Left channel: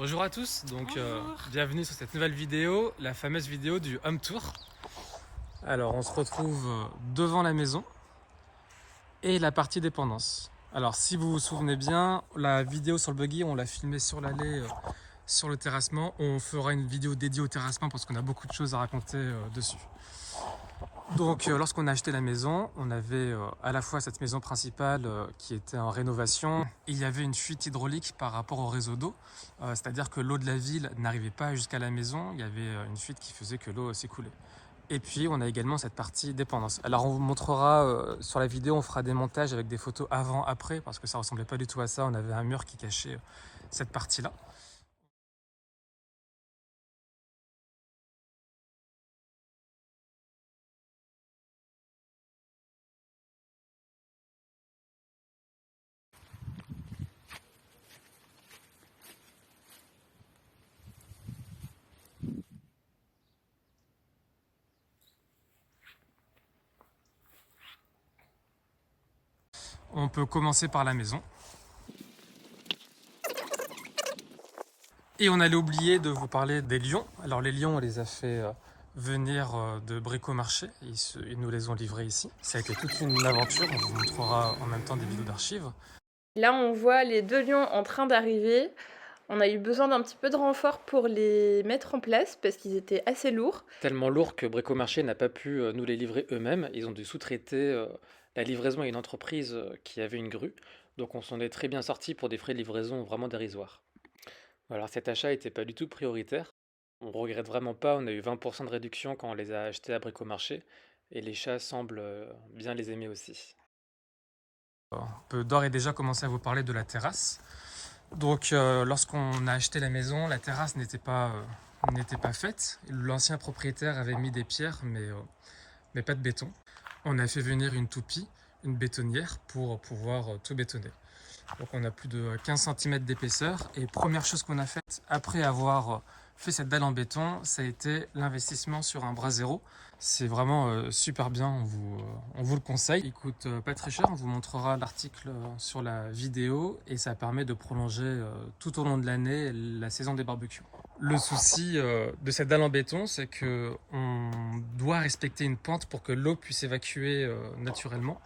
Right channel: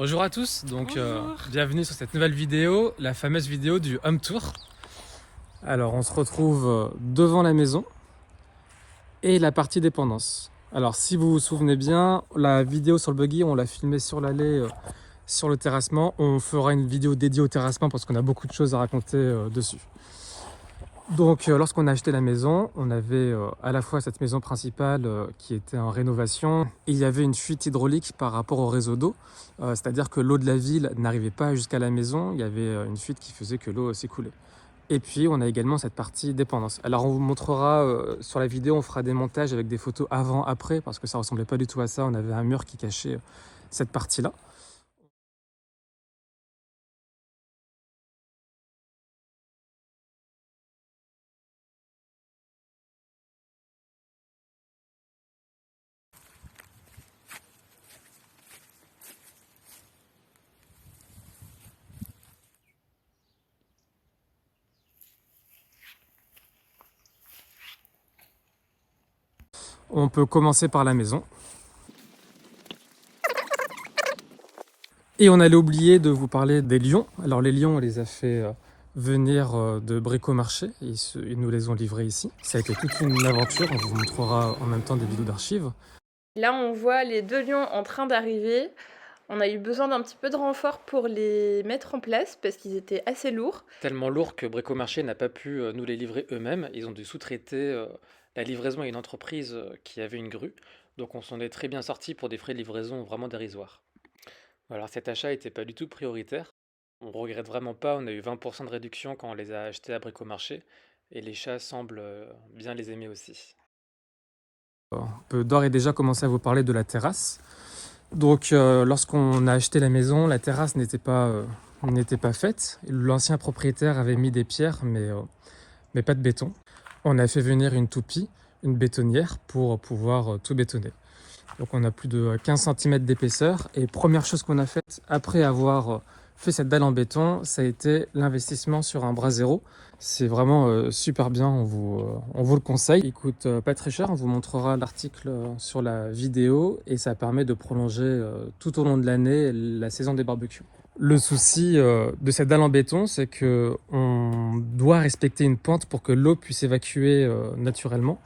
Bonjour à tous, donc Bonjour. bienvenue sur cette nouvelle vidéo, la fameuse vidéo du home tour. Alors on se retrouve devant la maison et la partie dépendance. Alors si vous vous souvenez bien, la vidéo sur le buggy, on l'a filmée sur l'allée, sur le terrassement. On fera une vidéo dédiée au terrassement parce qu'on a beaucoup de choses à raconter dessus. Donc lorsqu'on a acheté la maison, on avait à la fois cette maison principale qui était en rénovation et il y avait une fuite hydraulique par rapport au réseau d'eau, c'est-à-dire que l'eau de la ville n'arrivait pas jusqu'à la maison, il y avait une fuite qui faisait que l'eau s'écoulait. Et puis on a également cette partie dépendance. Alors on vous montrera sur la vidéo, on fera des montages avec des photos avant-après parce que ça ressemblait pas du tout à ça, on avait un mur qui cachait cette partie-là. On peut commencer par la maison. Et on allait oublier de vous parler des lions. Alors les lions, on les a fait venir de Bricomarché. Ils nous les ont livrés ici. Ça a été toute une aventure. On vous montrera en même temps des vidéos d'archives. Là, on voit les deux lions en train d'arriver. On a eu besoin d'un petit peu de renfort pour les mettre en place parce qu'ils étaient assez lourds. Tellement lourd que Bricomarché n'a pas pu nous les livrer eux-mêmes. Ils ont dû sous-traiter la livraison à une entreprise qui avait une grue. Donc on s'en est très bien sorti pour des frais de livraison vraiment dérisoires. Alors cet achat n'était pas du tout prioritaire. On regrette vraiment pas, on a eu 20% de réduction quand on les a achetés à Bricomarché. Et les chats semblent bien les aimer aussi. On peut d'ores et déjà commencer à vous parler de la terrasse. Donc lorsqu'on a acheté la maison, la terrasse n'était pas faite. L'ancien propriétaire avait mis des pierres, mais pas de béton. On a fait venir une toupie, une bétonnière, pour pouvoir tout bétonner. Donc on a plus de 15 cm d'épaisseur. Et première chose qu'on a faite après avoir fait cette dalle en béton, ça a été l'investissement sur un bras zéro. C'est vraiment super bien, on vous le conseille. Il coûte pas très cher, on vous montrera l'article sur la vidéo et ça permet de prolonger tout au long de l'année la saison des barbecues. Le souci de cette dalle en béton, c'est que on doit respecter une pente pour que l'eau puisse évacuer naturellement.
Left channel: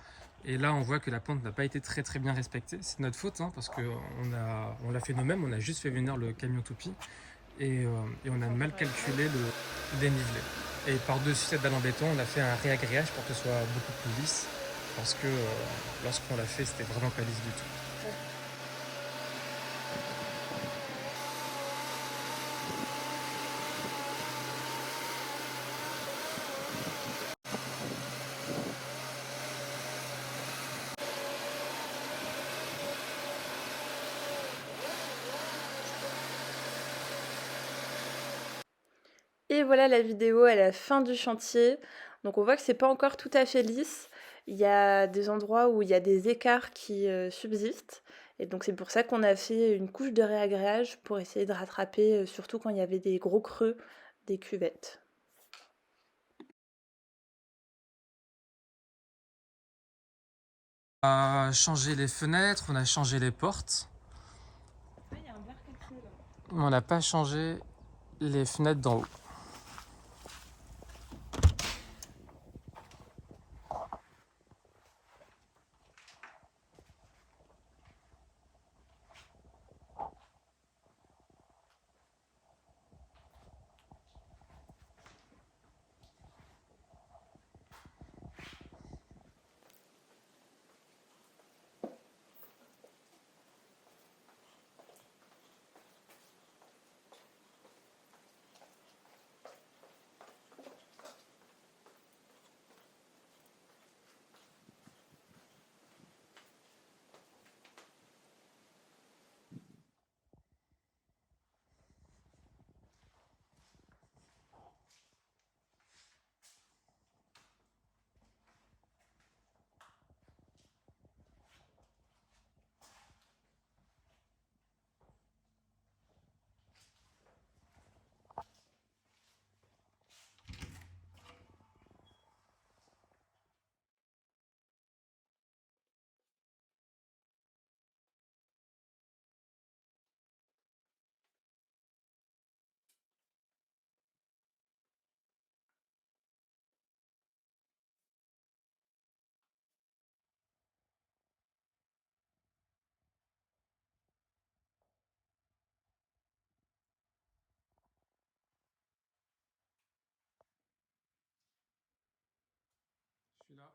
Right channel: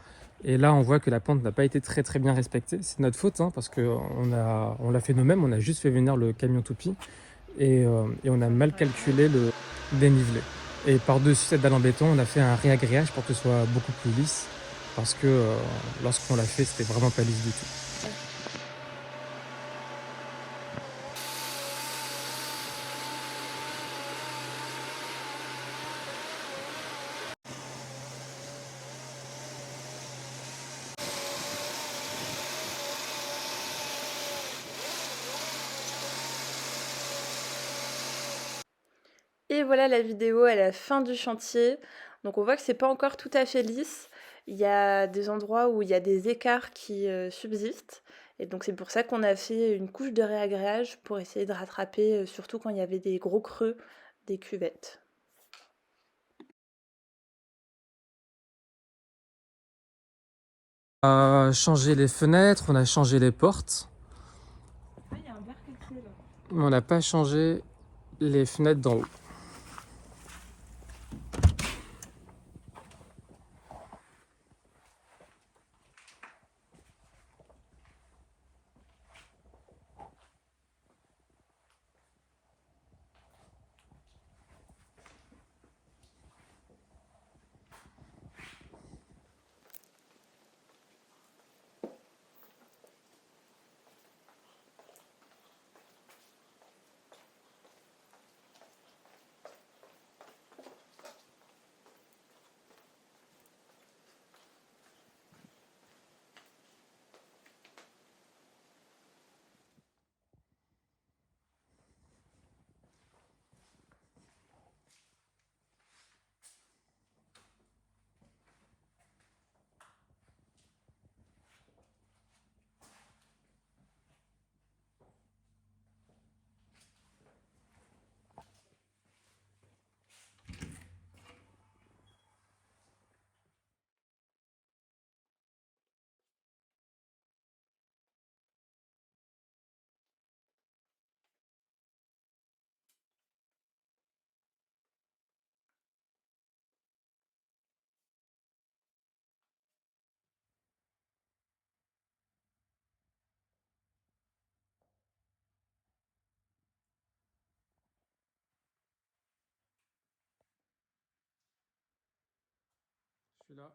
Et là, on voit que la pente n'a pas été très bien respectée. C'est notre faute, hein, parce on l'a fait nous-mêmes, on a juste fait venir le camion toupie et on a mal calculé le dénivelé. Et par-dessus cette dalle en béton, on a fait un réagrégage pour que ce soit beaucoup plus lisse, parce que lorsqu'on l'a fait, c'était vraiment pas lisse du tout. Et voilà la vidéo à la fin du chantier. Donc on voit que c'est pas encore tout à fait lisse. Il y a des endroits où il y a des écarts qui subsistent. Et donc c'est pour ça qu'on a fait une couche de réagréage pour essayer de rattraper, surtout quand il y avait des gros creux des cuvettes. On a changé les fenêtres, on a changé les portes. Mais on n'a pas changé les fenêtres d'en haut. voilà.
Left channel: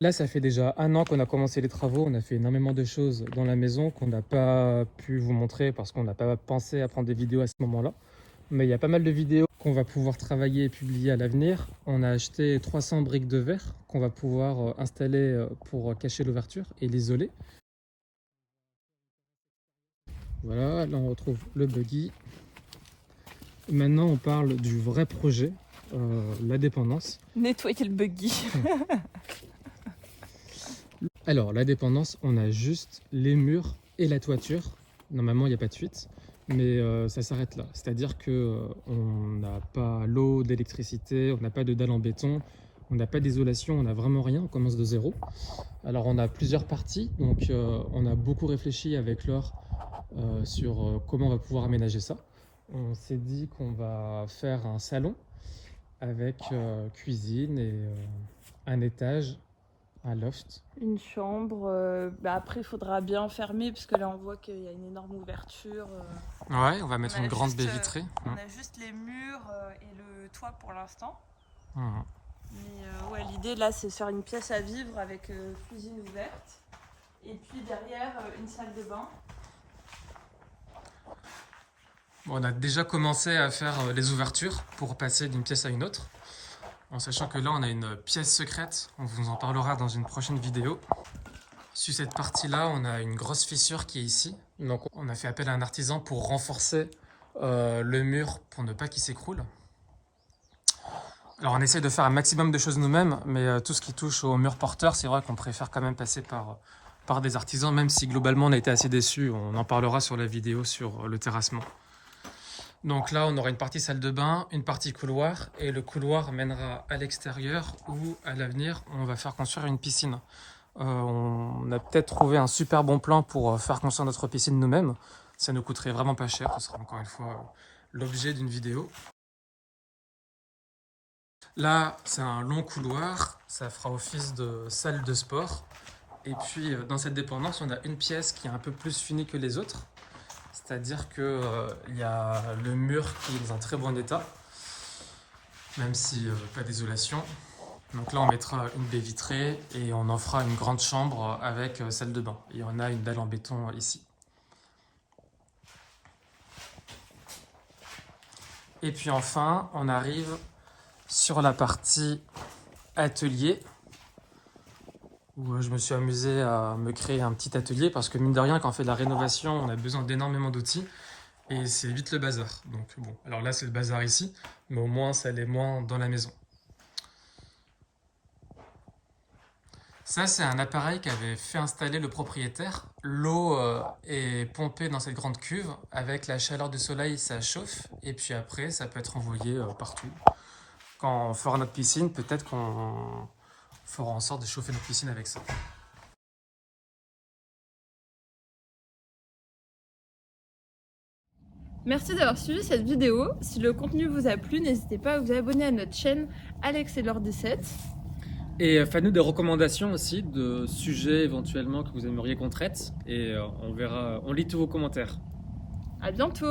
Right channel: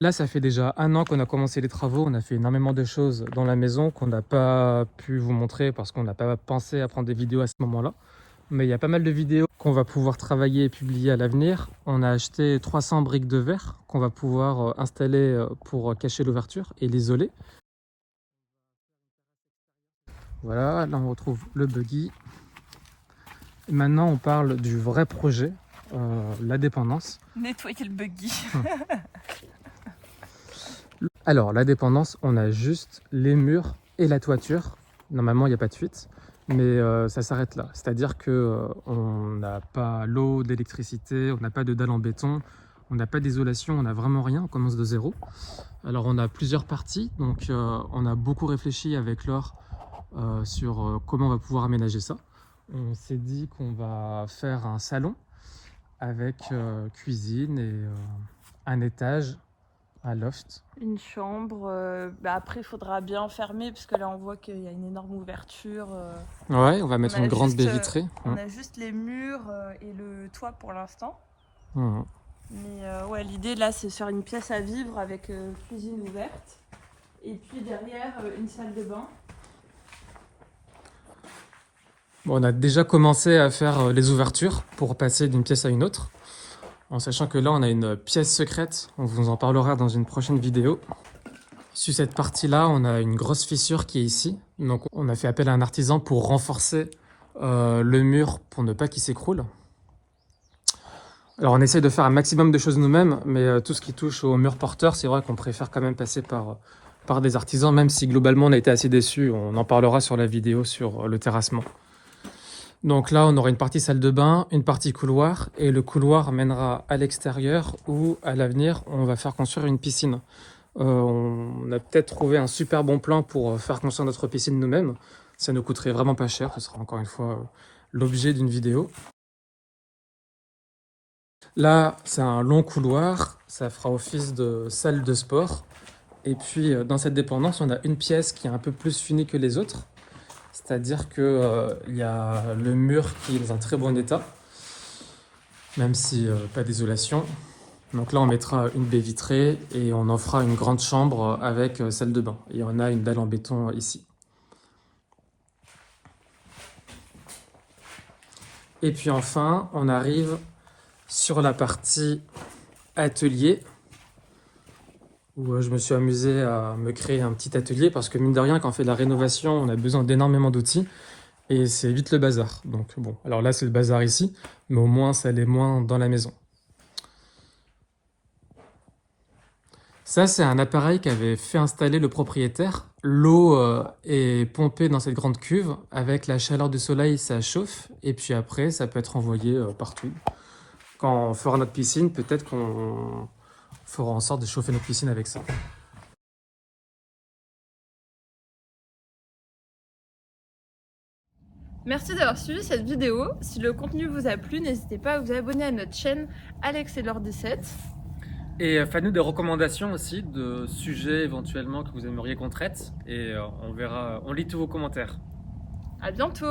Là, ça fait déjà 1 an qu'on a commencé les travaux. On a fait énormément de choses dans la maison qu'on n'a pas pu vous montrer parce qu'on n'a pas pensé à prendre des vidéos à ce moment-là. Mais il y a pas mal de vidéos qu'on va pouvoir travailler et publier à l'avenir. On a acheté 300 briques de verre qu'on va pouvoir installer pour cacher l'ouverture et l'isoler. Voilà, là on retrouve le buggy. Et maintenant, on parle du vrai projet, la dépendance. Nettoyer le buggy. Alors, la dépendance, on a juste les murs et la toiture. Normalement, il n'y a pas de fuite, mais ça s'arrête là. C'est-à-dire qu'on n'a pas l'eau, d'électricité, on n'a pas de dalle en béton, on n'a pas d'isolation, on n'a vraiment rien, on commence de zéro. Alors, on a plusieurs parties, donc on a beaucoup réfléchi avec Laure sur comment on va pouvoir aménager ça. On s'est dit qu'on va faire un salon avec cuisine et un étage, un loft. Une chambre. Après, il faudra bien fermer parce que là, on voit qu'il y a une énorme ouverture. Ouais, on va mettre On a une grande juste, baie vitrée. On a juste les murs et le toit pour l'instant. Mhm. Mais ouais, l'idée là, c'est de faire une pièce à vivre avec cuisine ouverte. Et puis derrière, une salle de bain. Bon, on a déjà commencé à faire les ouvertures pour passer d'une pièce à une autre. En sachant que là, on a une pièce secrète. On vous en parlera dans une prochaine vidéo. Sur cette partie-là, on a une grosse fissure qui est ici. Donc, on a fait appel à un artisan pour renforcer le mur pour ne pas qu'il s'écroule. Alors, on essaye de faire un maximum de choses nous-mêmes, mais tout ce qui touche au mur porteur, c'est vrai qu'on préfère quand même passer par des artisans, même si globalement, on a été assez déçus. On en parlera sur la vidéo sur le terrassement. Donc là, on aura une partie salle de bain, une partie couloir, et le couloir mènera à l'extérieur où, à l'avenir, on va faire construire une piscine. On a peut-être trouvé un super bon plan pour faire construire notre piscine nous-mêmes. Ça nous coûterait vraiment pas cher, ce sera encore une fois l'objet d'une vidéo. Là, c'est un long couloir, ça fera office de salle de sport. Et puis, dans cette dépendance, on a une pièce qui est un peu plus finie que les autres. C'est-à-dire qu'il y a le mur qui est dans un très bon état, même si pas d'isolation. Donc là, on mettra une baie vitrée et on en fera une grande chambre avec salle de bain. Et on a une dalle en béton ici. Et puis enfin, on arrive sur la partie atelier, où je me suis amusé à me créer un petit atelier parce que mine de rien, quand on fait de la rénovation, on a besoin d'énormément d'outils et c'est vite le bazar. Donc bon, alors là c'est le bazar ici, mais au moins ça l'est moins dans la maison. Ça, c'est un appareil qu'avait fait installer le propriétaire. L'eau est pompée dans cette grande cuve. Avec la chaleur du soleil, ça chauffe. Et puis après, ça peut être envoyé partout. Quand on fera notre piscine, peut-être qu'on fera en sorte de chauffer notre piscine avec ça. Merci d'avoir suivi cette vidéo. Si le contenu vous a plu, n'hésitez pas à vous abonner à notre chaîne Alex et Laure 17. Et faites-nous des recommandations aussi de sujets éventuellement que vous aimeriez qu'on traite. Et on verra, on lit tous vos commentaires. À bientôt!